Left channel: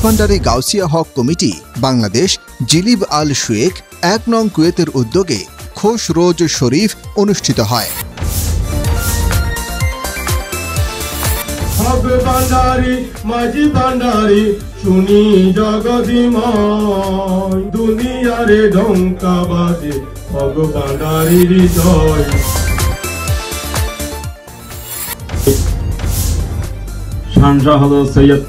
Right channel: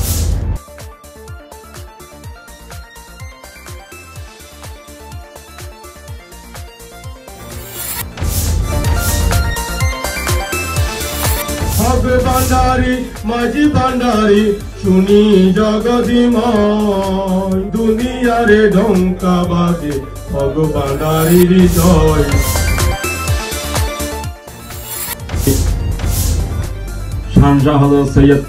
Maizbhandari Gausia hoc committee Bangladesh জিলিব আল শুয়েখ ১ নং কুয়েতের উদ্যোগে খোশ রোজ শরীফ অনুষ্ঠিত হয়। হক ভান্ডারি মাঝি ভান্ডারি শুনি জগদিময়, দুনিয়ারে ঢঙ্কা বাজে হক ভান্ডারির জয়। শানশাহ হযরত সৈয়দ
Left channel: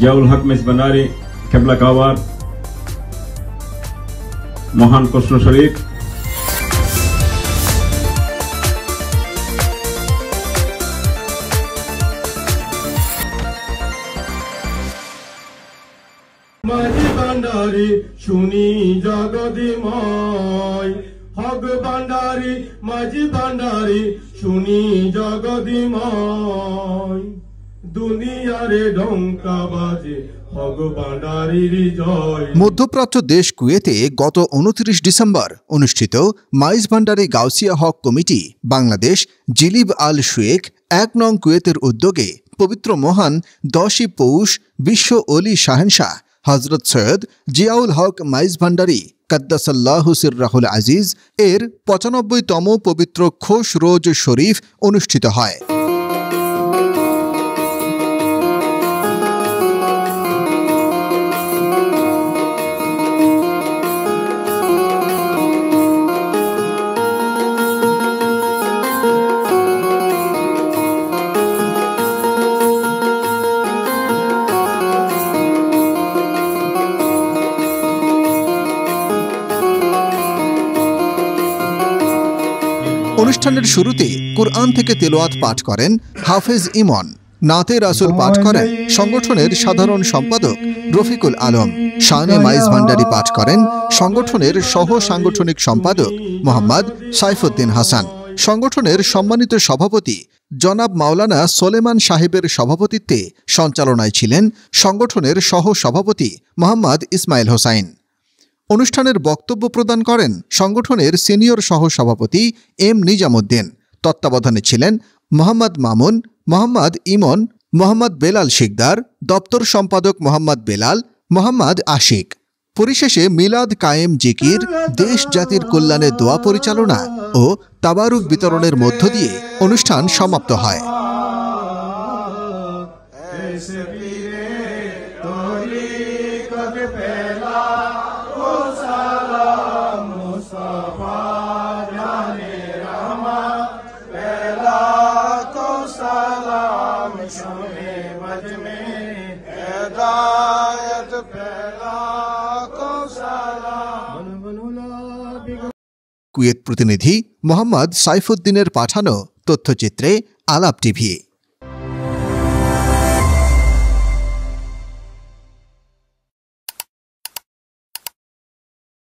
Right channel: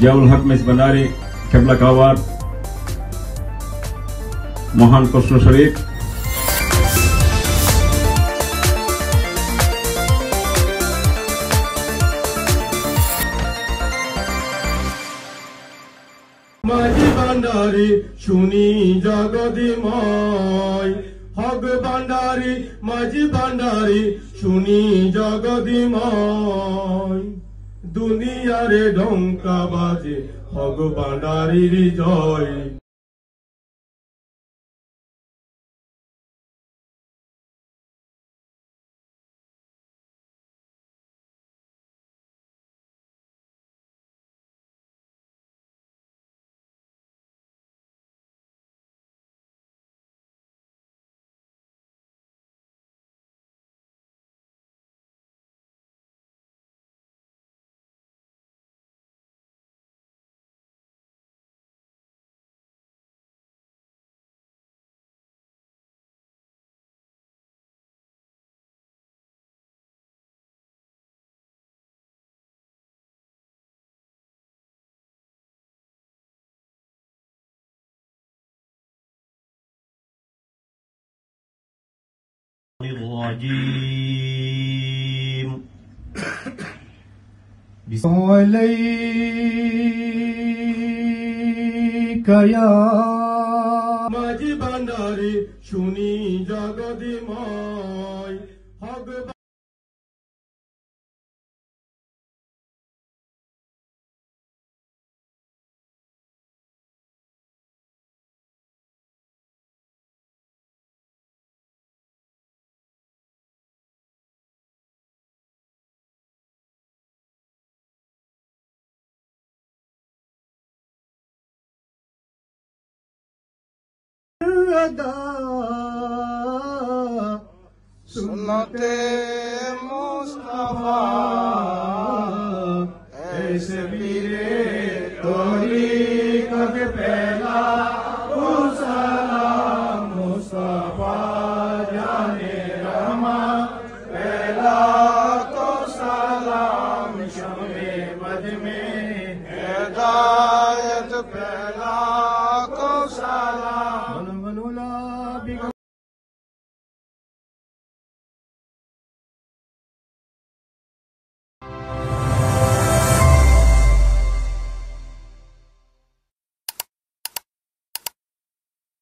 জিয়াউল হক মেজভান্ডারি কেবলা কাওয়ার মহান প্রশ্ন শরীফ। মাঝি ভান্ডারি শুনি জগদিময়, হক ভান্ডারি মাঝি ভান্ডারি শুনি জগদিময়, দুনিয়ারে ঢঙ্কা বাজে হক ভান্ডারির জয়। মধ্যপ্রাচ্য দেশ কুয়েতে গত ২৯ ডিসেম্বর অনুষ্ঠিত মাইজভান্ডারি গাউসিয়া হক কমিটি বাংলাদেশ জিলিব আল শুয়েখ ১ নং কুয়েতের উদ্যোগে পবিত্র মহান ১০ই পৌষ বিশ্ব অলি শাহেনশাহ হজরত সৈয়দ জিয়াউল হক মাইজভান্ডারি কাদ্দাসাল্লাহু সিররাহুল আজিজ এর ৯৫তম পবিত্র খোশ রোজ শরীফ অনুষ্ঠিত হয়। অনুষ্ঠানের শুরুতে কুরআন থেকে তেলাওয়াত পাঠ করেন হাফেজ ইমন। নাতে রাসূল পাঠ করেন সংগঠনের সাধারণ সম্পাদক রফিকুল আলম। শানে মাইজভান্ডারি পাঠ করেন সংগঠনের সহ সাংগঠনিক সম্পাদক মোহাম্মদ সাইফুদ্দিন হাসান। সংগঠনের সম্মানিত সভাপতি জনাব মাওলানা সোলেমান সাহেবের সভাপতিত্বে সঞ্চালনায় ছিলেন সংগঠনের সহ সভাপতি মোহাম্মদ ইসমাইল হোসাইন। অনুষ্ঠানের বক্তব্য প্রদান করেন সংগঠনের সিনিয়র সহ সভাপতি এম নিজামুদ্দিন। তত্ত্বাবধানে ছিলেন মোহাম্মদ মামুন, মোহাম্মদ ইমন, মোহাম্মদ বেলাল শিকদার, দপ্তর সম্পাদক মোহাম্মদ বেলাল, মোহাম্মদ আশিক। পরিশেষে মিলাদ কায়েম জিকির, দেশ জাতির কল্যাণে দোয়া পরিচালনা ও তাবারুক বিতরণের মধ্য দিয়ে অনুষ্ঠান সমাপ্ত হয়। কুয়েত প্রতিনিধি মোহাম্মদ সাইফুদ্দিনের পাঠানো তথ্যচিত্রে আলাপ টিভি।